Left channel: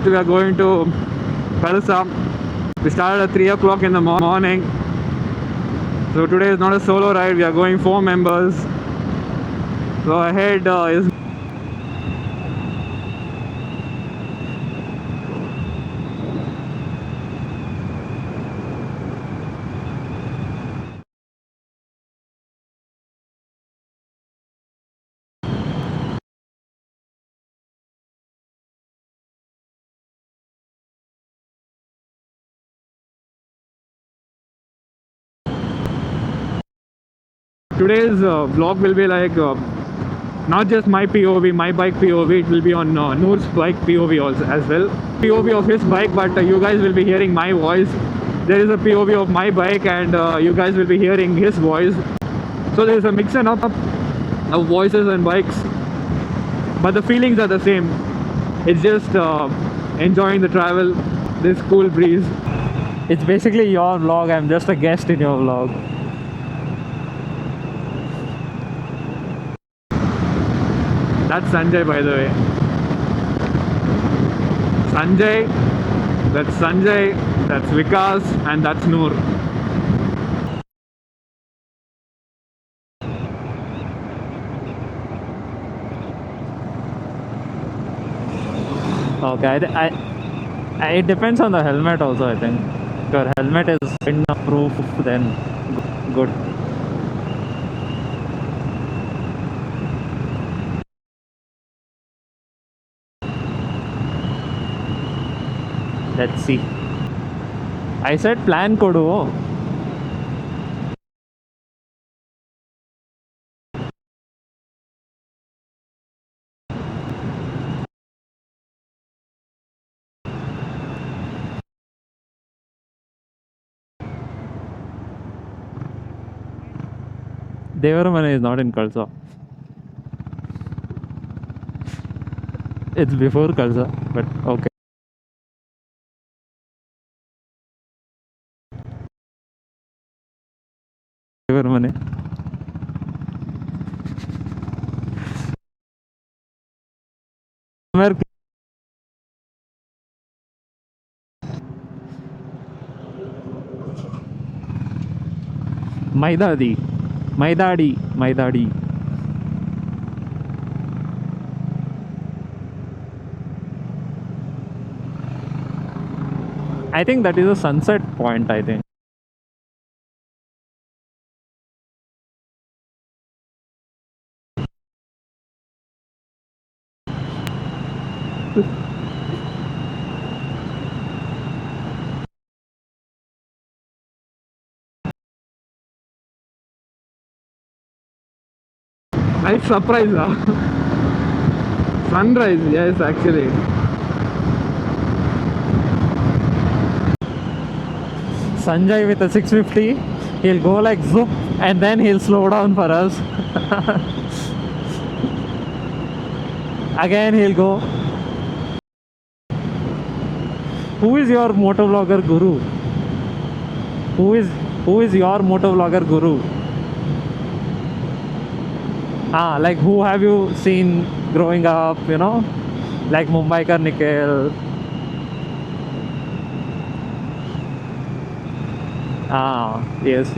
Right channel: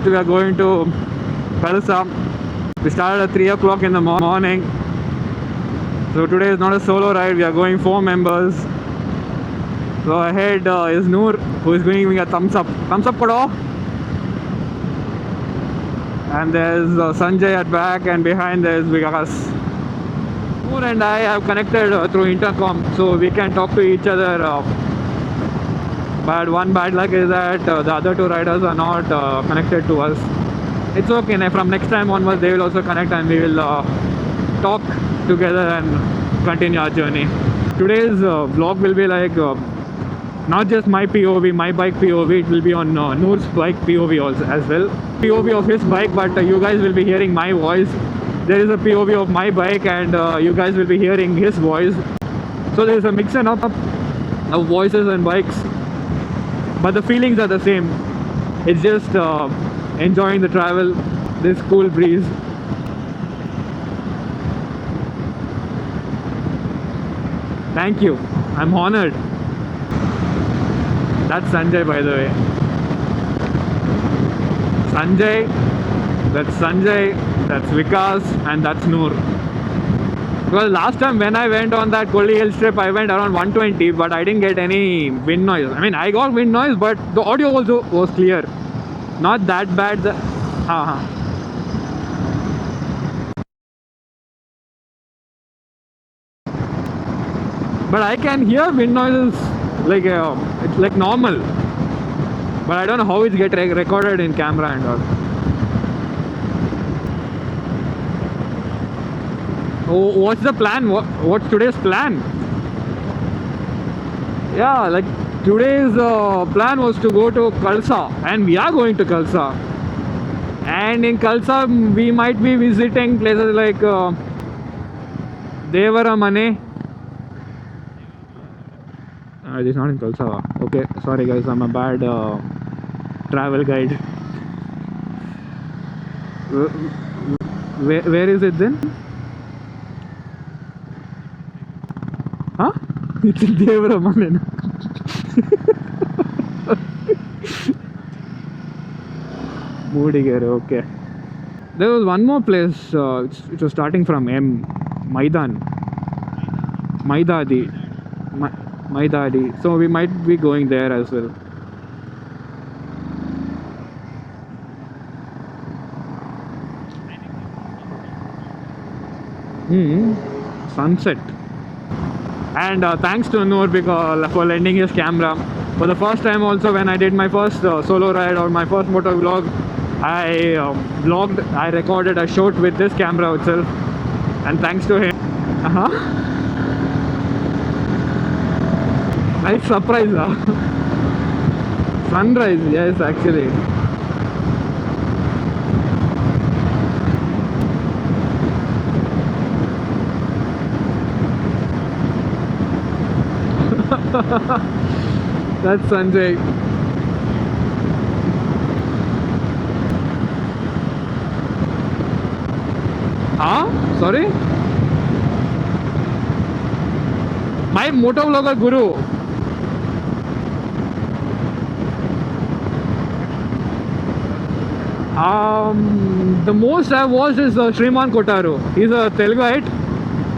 We are going to Kalsa. We started at 3 o'clock in the morning. So today is not a solo ride. We are going 4 members. So ahead is Noor, who is giving me a thumbs up. Thumbs up, Kodo. And there's Sanjay at back, and behind there's Vikas. Noor and I have connected through intercom, so we can talk to each other. But one bad luck is that the other 2 riders are not connected to us. It's okay. From next time onwards, they will also connect, and we will talk together and continue our journey. Today's vlog will be like not just my POV, my bike POV. It will be on Noor's bike POV also as well. POV of his bike, but you guys will be hearing my voice. There is a POV of my bike, and you guys will be hearing his voice. So there is a mix and up of voices and bikes, but the feelings are the same. It's just enjoying the travel, this cool breeze. It's basically your vlog. I'm just a guest in your vlog. Thank you. I'm honored. That's Sanjay, by the way. Sanjay, that's Vikas, and that's Noor. Well, last time when I went on that Kolli Hills trip, I went around 120, but I didn't get any wind noise. I mean, I got wind noise, but the audio also was clear. Not Okay, that bad. It depends on the helmet also, I think. If your helmet is wind-proof, then good. But I can hear wind noises like it's like normal. But I don't know how it get recorded in camera and all. Let's see. I said plan kodu. Oh, what's the plan? What's today's plan? Yeah, like today's plan was to go to Kalsa, and we are going to Kalsa. And in Kalsa, we might be visiting places like Devaramane. Devaramane is not in Kalsa. It is not in Kalsa. Okay, sorry guys, I'm a bad It's before travel Kalsa, guide. but okay. Where is it then? Devaramane. Huh? It's in Devaramane. Where? Moodigere, okay. There was one more place, it was starting from M. Maidan. Maidadi. Maidadi. Maidadi. So we might be going there as well. I think that is a sunset point, I think. Sunset. And thanks to Noor for lending his camera. For the first time also, when I did my first solo ride or my first motor vlog, I recorded a shot with this camera itself. And thanks to him. Nice surprise, huh? Sunrise, yes, actually. Sanjay with a 650, he'll go like zoop and then he'll slow down for us. That's Sanjay. Again he'll go. Who is your motovlogger guru? Sorry? Who is your motovlogger guru? My motovlogger guru. Like who have you seen growing up, like Mumbaikar Nikhil? The most I've watched is Shriman Kotaru. He's a Teluguite. Yes.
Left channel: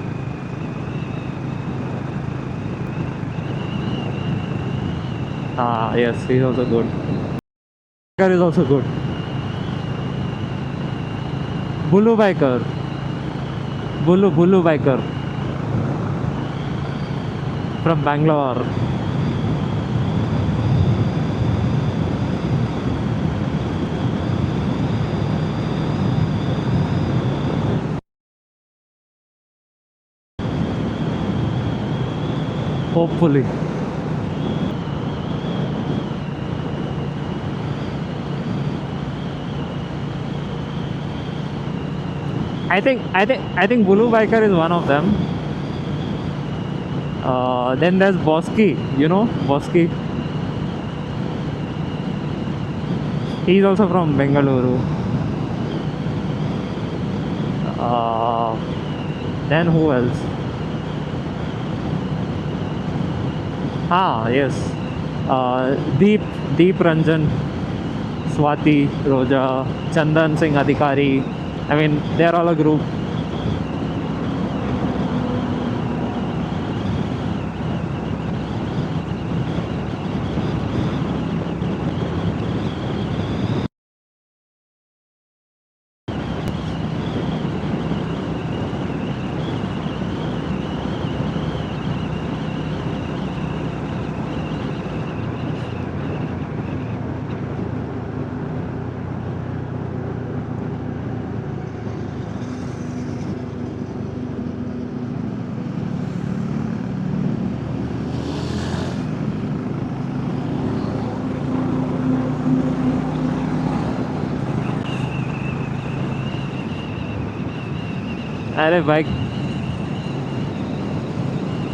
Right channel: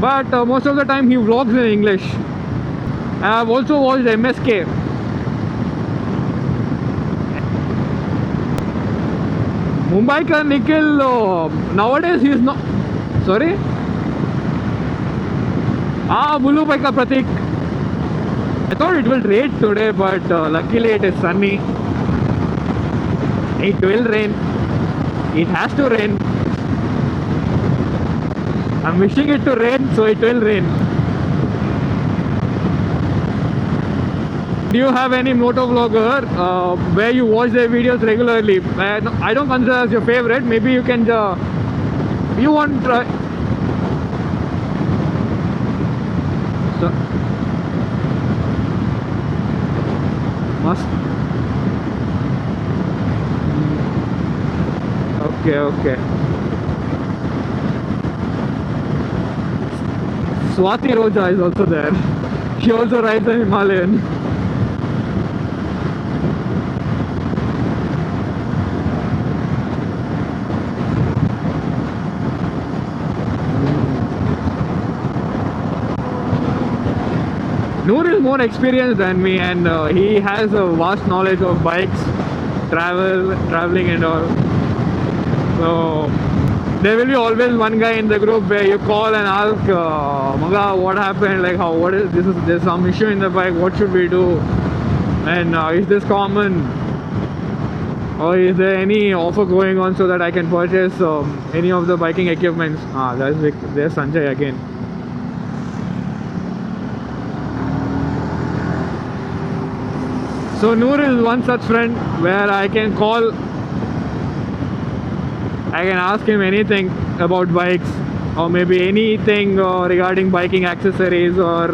But most of the time he vlogs in English. I've also watched MSK. Yes, he's also good. Nikhil is also good. Mumbaikar Nikhil, nowadays he's not. Sorry? Bulu Biker. Bulu Biker Pratik. From Bangalore. I thought it will rain today, but luckily it is sunny. It will rain. It has to rain. I'm wishing it to rain, so it will rain. Hopefully. Do you have any motovlogger where you watch their videos regularly? I don't consider as your favorite. Maybe you can. You want? I think Bulu Biker is one of them. So, then there's Bosky. You know Bosky. must. He's also from Bengaluru. Okay. Then who else? Swati Roja is also there. She also rides the Himalayan. Yes. Deep Ranjan Swati, Roja, Chandan Singh Adhikari. I mean, they are all a group. Noor is more experienced than me, and he has a vast knowledge of bikes, traveling, and all. So there will be always one guy in the group where you call and ask, Maga, what happened? Like, what is this? There's some issue in the bike. What should we do? And is this common? Or is there any offer going on so that I can purchase any of the biking equipments? There's Sanjay again. So Noor is one such friend where I can call, I can ask him anything about bikes, or maybe anything regarding biking accessories or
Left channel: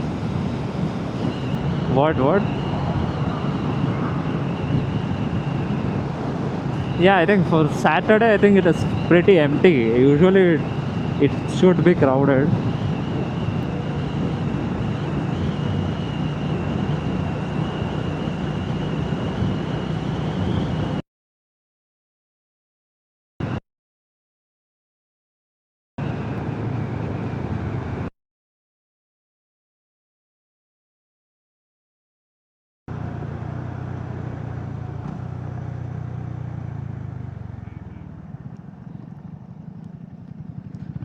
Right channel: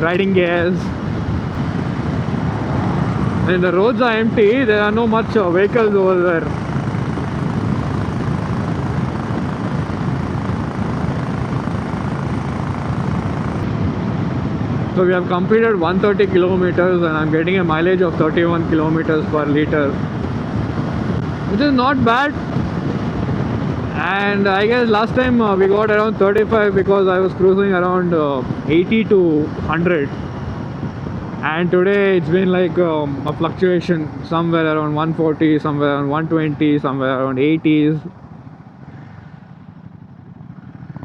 riding gears. What? And the roads are empty, there are no much vehicles over there. Yeah, I think for Saturday, I think it is pretty empty. Usually it should be crowded. So we have completed 130 kilometers and I'm getting a mileage of 31 kilometers per liter, which is not bad. And I guess last time we got around 35 because I was cruising around 80 to 100. And today it's been like a fluctuation, somewhere around 140, somewhere around 120, somewhere around 80s.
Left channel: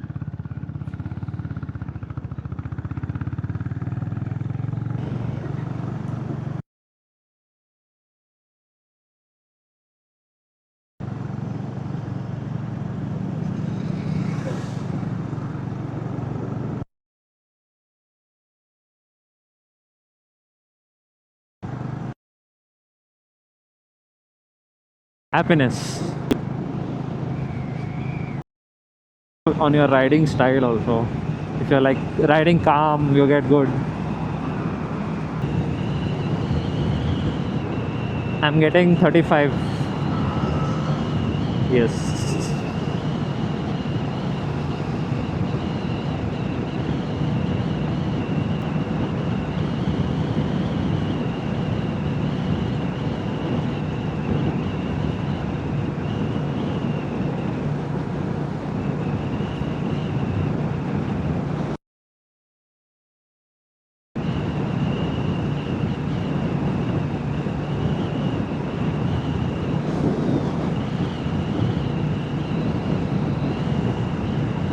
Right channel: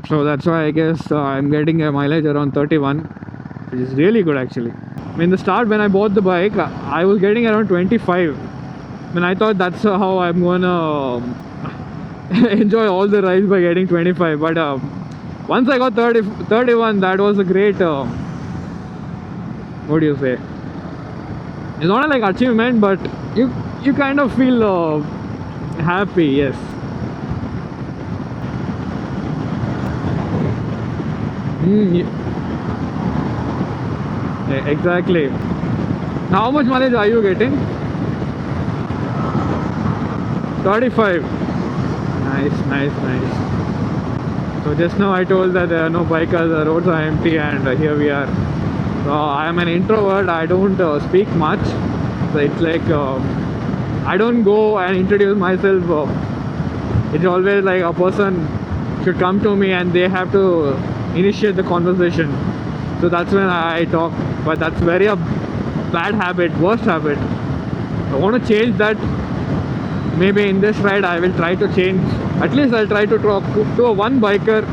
So that's why I guess I'm getting a mileage around 31, which is really good actually. In the start when I bought the bike, I was getting around 25. I thought that's how I'm gonna enjoy all the rides by getting 25. But once I got 31, that was a great, what do you say? It's not like achievement, but you kind of feel Happiness. happy, yes. On your riding style also. If you're like riding calm, you get good. Exactly. How much mileage are you getting? I'm getting 35. 35. Yes. Nice. So just now I told that there are no bikers, the roads are empty, and here we are. So I am an introvert, I don't speak much. So it's like I don't go and introduce myself. It's always like a person should come to me and they have to initiate the conversation. So that's when I talk. But that's very a bad habit, worst habit. I want to change that. Maybe in this ride I will try to change. At least I'll try to talk to one biker.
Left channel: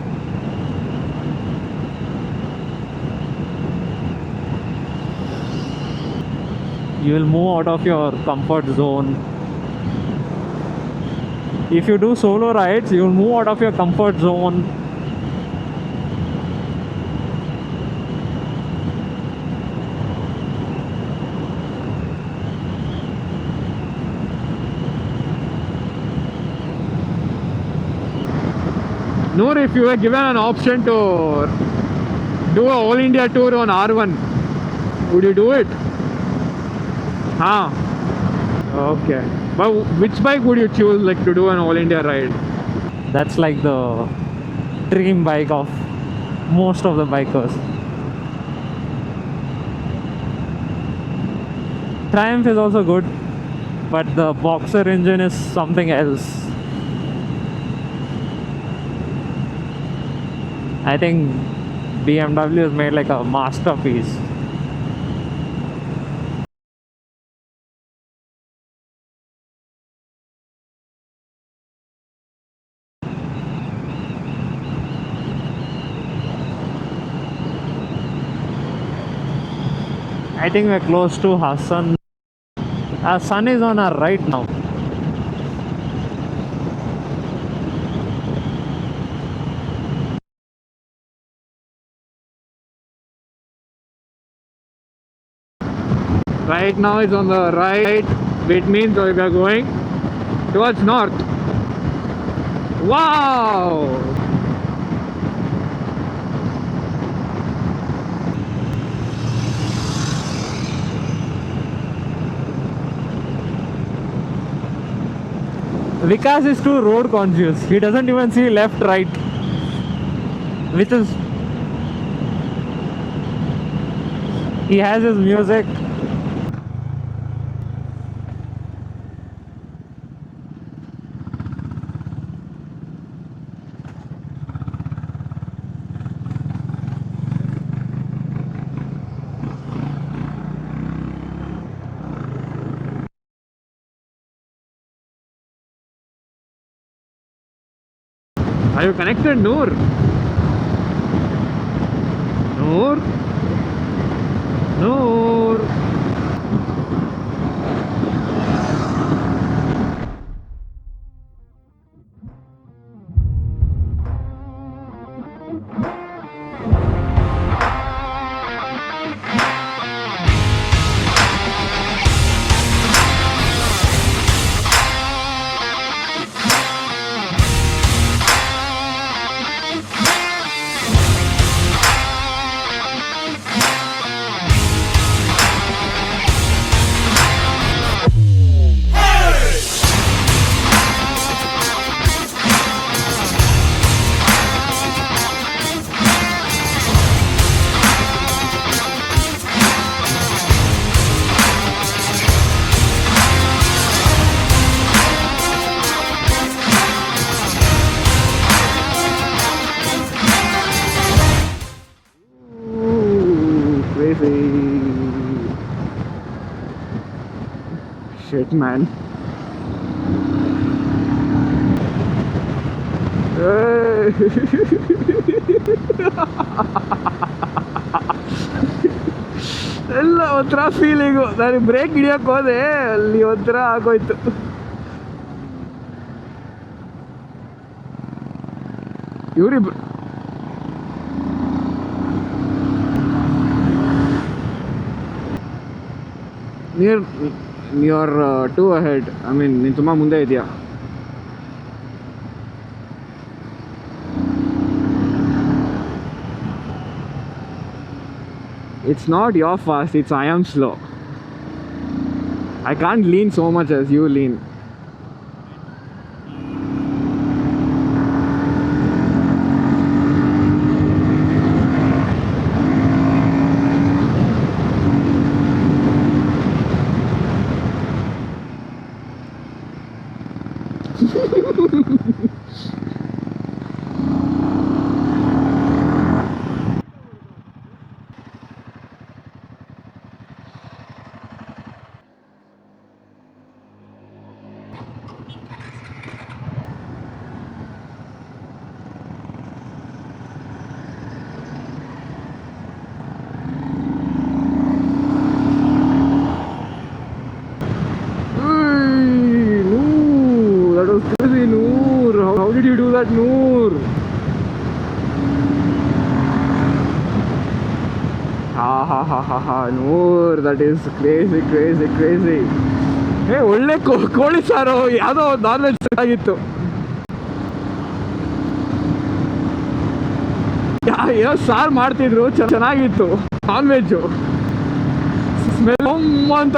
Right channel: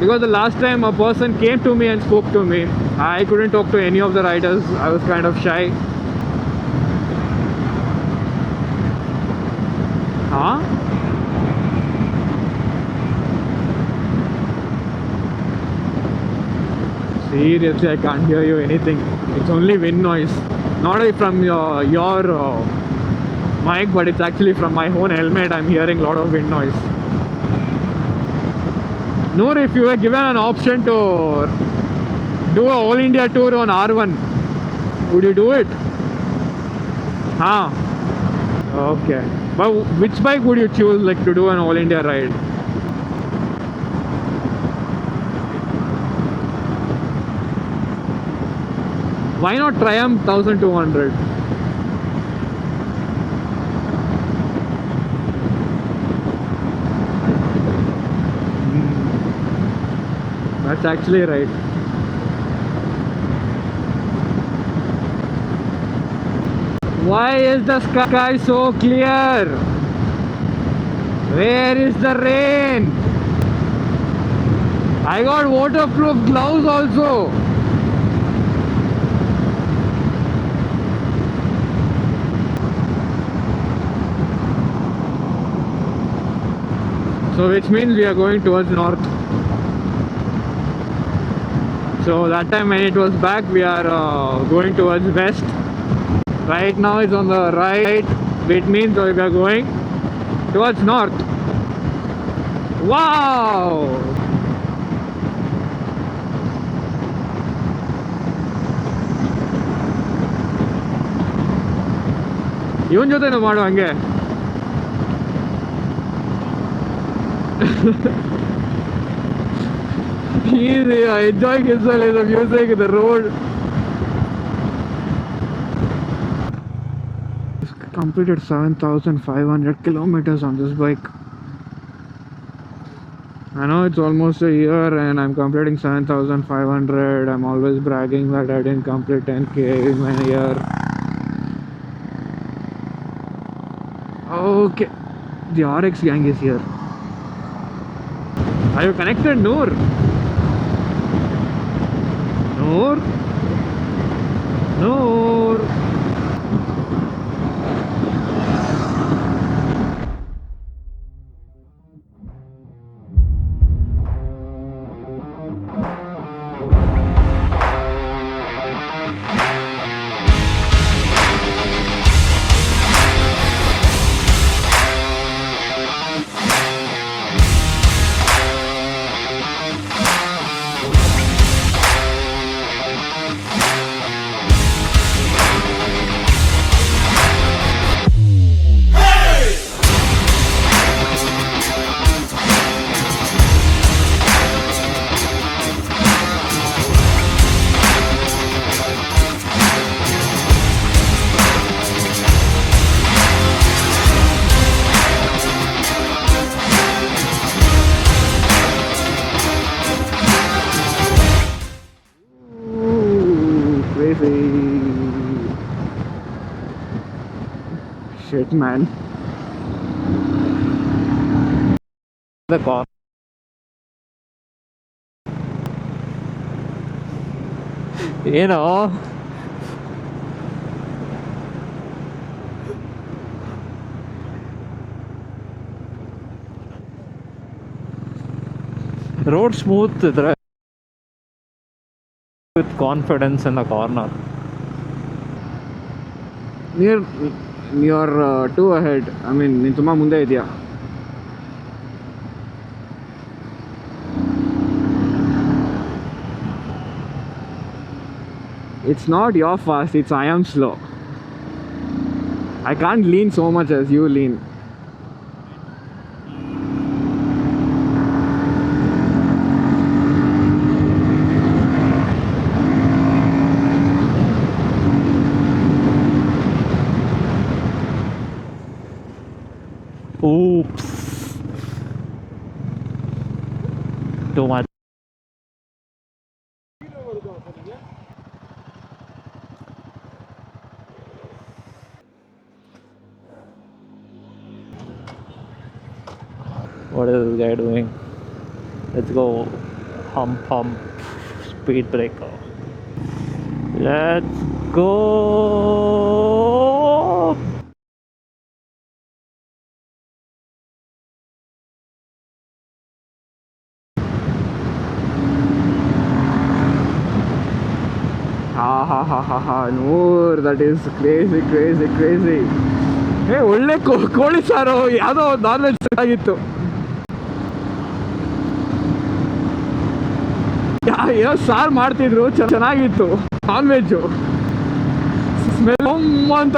Because the last time a person came to me and spoke to me, I couldn't talk to any of the riders. I was kind of shy. You will move out of your comfort zone. Huh? If you do solo rides, you will move out of your comfort zone. Seriously, I can't hear you anything. It's only wind noise. Not from your mic, but it's actually from my own helmet. I'm hearing a lot of wind noise. Noor, if you were given an option to do a all India tour on R1, would you do it? Huh? Okay. But which bike would you choose, like, to do an all India ride? That's like the dream bike of most of the bikers. Why not Triumph 1200? Triumph is also good, but the Boxer engine is something else. That's I actually think right. BMW has made like a masterpiece. Why is the sky so clear? Where is the rain? I got waterproof gloves also. I think we're close to Hassan. Our sun is on our right now. So which means we are going towards north. So that time when it was back, we are going towards west. Right now it's on the right, which means we are going towards north. Wow! ಇವನ್ ಜೊತೆನೂ ಮಾಡು ಹಂಗೆ. Vikas is too road conscious. He doesn't even see left, right. He is enjoying himself in the music, the road. He has his music. completed 7,500 kilometers on this bike. I know it's almost a year and I'm completing 7,500. I'm always bragging that I didn't complete 10k in a year. Okay, the RX gang is here. Are you connected, Noor? Noor? Noor? Ooh, crazy. Shit, man. The car. ಏನೋ ಎಲ್ಲ ಒಂಥರ feeling. ನಾನು break ಹಿಡಿಯೋಕೆ ಹೋದೆ, ಅಲ್ಲಿ ಒಂಥರ ಆಗೋಯ್ತು. Road smooth ಇದ್ರೆ with confidence in the car ನಾವು. Near to ahead. I mean ನೀನು ತುಂಬ ಮುಂದೆ ಇದೆಯಾ? It's not your fast, it's I am slow. I can't lean so much as you lean. Oops. Too much. What is this guy doing? Let's go. Hump. Speed breaker. Let's go. Hey, Noor, that was crazy, Noor. How did you do that, Noor? Ha, Noor, that is crazy. Hey, ಒಳ್ಳೆ ಕೋಳಿ ಸಾರು ಯಾವುದೋ non veg ಆಗಿತ್ತು. ಏನೋ ಸಾರು ಮಾಡ್ತಿದ್ರು, ಚೆನ್ನಾಗಿತ್ತು. Non veg smell ಅಂತ.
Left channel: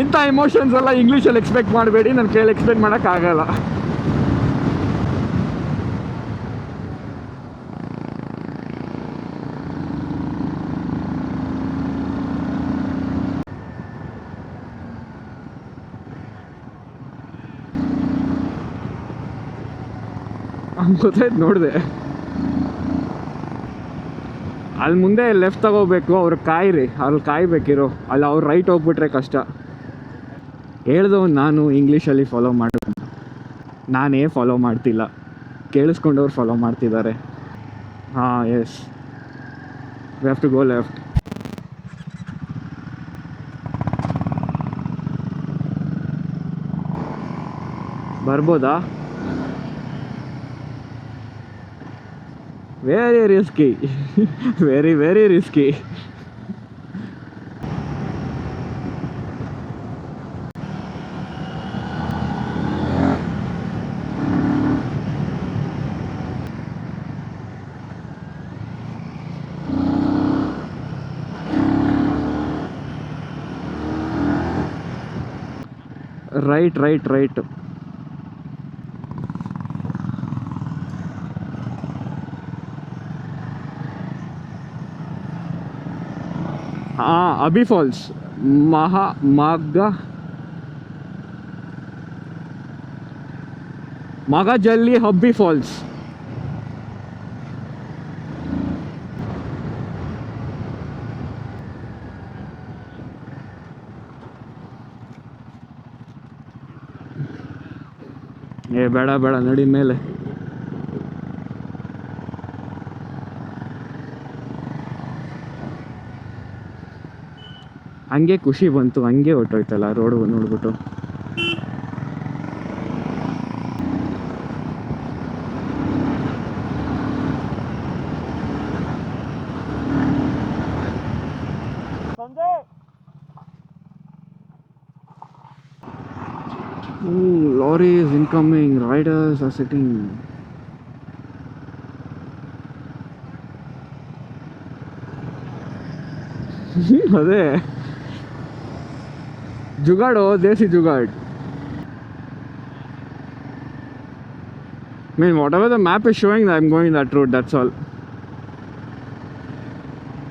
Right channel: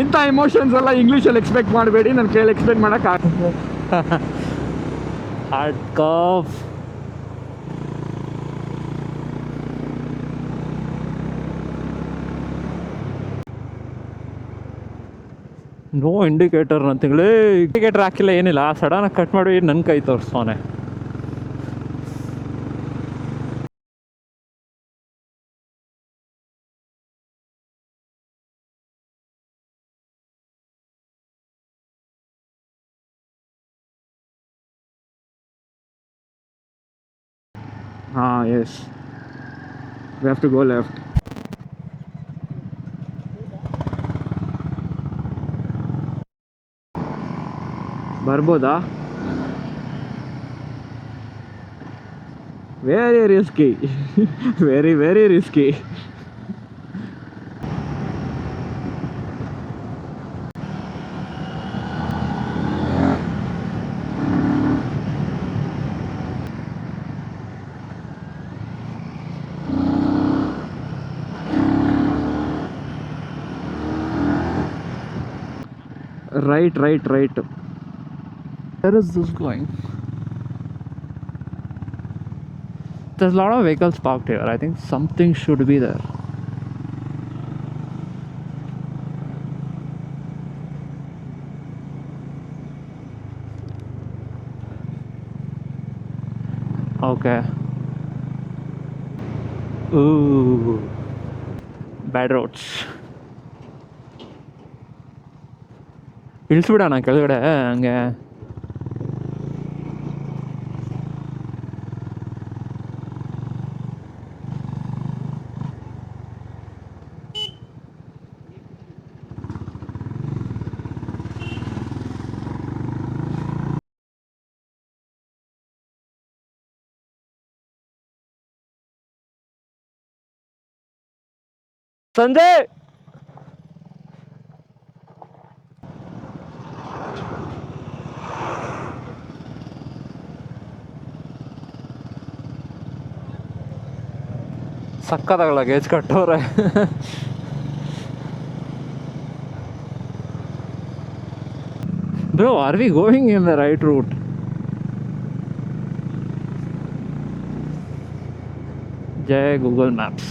ಇಂಥ ಇಮೋಷನ್ಸ್ ಎಲ್ಲ ಇಂಗ್ಲೀಷಲ್ಲಿ ಎಕ್ಸ್ಪೆಕ್ಟ್ ಮಾಡಬೇಡಿ, ನನ್ನ ಕೈಯಲ್ಲಿ ಎಕ್ಸ್ಪೆಕ್ಟ್ ಮಾಡೋಕ್ಕಾಗಲ್ಲ. Hard curve. ನೋ ಇಂಡಿಕೇಟರ್ ಅಂತೇಳಿ ಇಂಡಿಕೇಟರ್ ಹಾಕಿಲ್ಲ, ಏನಿಲ್ಲ. ಸಡನ್ನಾಗಿ ಕಟ್ ಮಾಡಿ ನನ್ನ ಕೈ ತೋರಿಸ್ತಾನೆ. ಗೊತ್ತಾಯ್ತು, ನೋಡಿದೆ. ಅಲ್ಲಿ ಮುಂದೆ ಲೆಫ್ಟ್ ತಗೋಬೇಕು, ಅವ್ರು ಕಾಯಿರಿ, ಅಲ್ಲಿ ಕಾಯ್ಬೇಕಿರೋ. ಅಲ್ಲಿ ಅವ್ರು ರೈಟ್ ಹೋಗ್ಬಿಟ್ರೆ ಕಷ್ಟ. ಹೇಳ್ದವ್ ನಾನು ಇಂಗ್ಲೀಷಲ್ಲಿ ಫಾಲೋ ಮಾಡ, ನಾನೇ ಫಾಲೋ ಮಾಡ್ತಿಲ್ಲ, ಕೇಳಿಸ್ಕೊಂಡವ್ರು ಫಾಲೋ ಮಾಡ್ತಿದ್ದಾರೆ. ಹಾಂ, yes, we have to go left. ಬರ್ಬೋದಾ? Very risky. Very risky. Right. Where is this going? There's a lot of vehicles parked here. I think something should be there. Abhi Falls. Magajalli Hubby Falls. Okay. Ooh. Bad roads. ಇಳಿಸ್ಬಿಡೋಣ ಕೆಳಗಡೆ ಹಂಗೆ. ಬೇಡ ಬೇಡ ನಡಿ ಮೇಲೆ. ಹಂಗೆ ಖುಷಿ ಬಂತು, ಹಂಗೆ ಹೊಟ್ಟೋಯ್ತಲ್ಲ ರೋಡ್ ನೋಡ್ಬಿಟ್ಟು. ಸಂಜೆ lorries incoming, riders are sitting. ಸಕ್ಕತ್ತಾಗಲ್ಲ ಗೇಜ್ ಕಟ್ಟೋರೆ. ಅದೇ ಜುಗಾಡು, ದೇಸಿ jugaad. Bro, are we going in the right route? I mean, whatever the map is showing, I'm going that route, that's all. Jai Google Maps.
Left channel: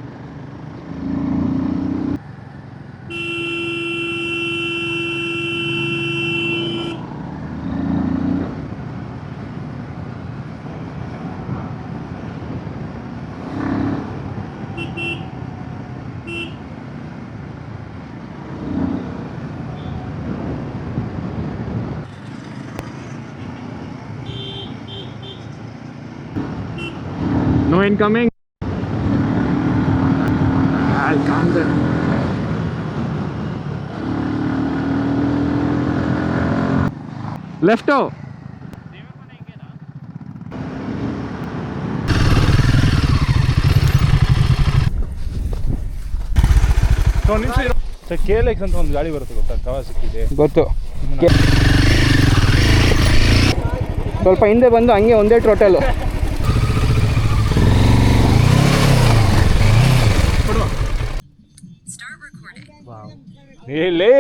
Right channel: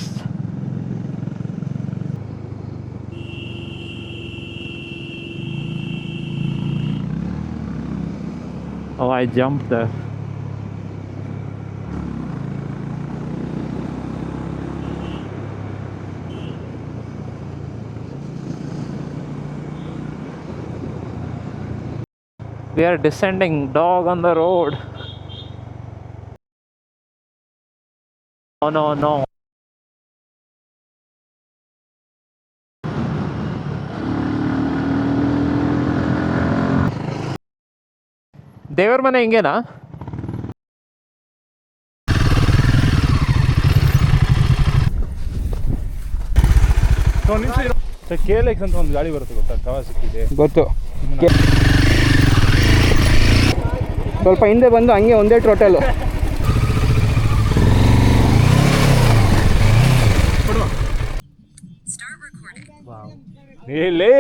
Oh, I jumped there. We are descending, dog on the road. No incoming? Oh, no. I'll come there. Left out. ದೇವರ ಮನೆ ಹಿಂಗೇನಾ? KLX ಅಂತ ಒಂದು ಗಾಡಿ ಬರುತ್ತೆ ಗೊತ್ತಾ, ಕವಾಸಕಿದೆ ಗೊತ್ತು. ಸ್ವಲ್ಪ ಹಿಂದೆ ಬಂದು ಹಂಗೆ ಒಂದೇ ಟೋಟಲು. ಲೇ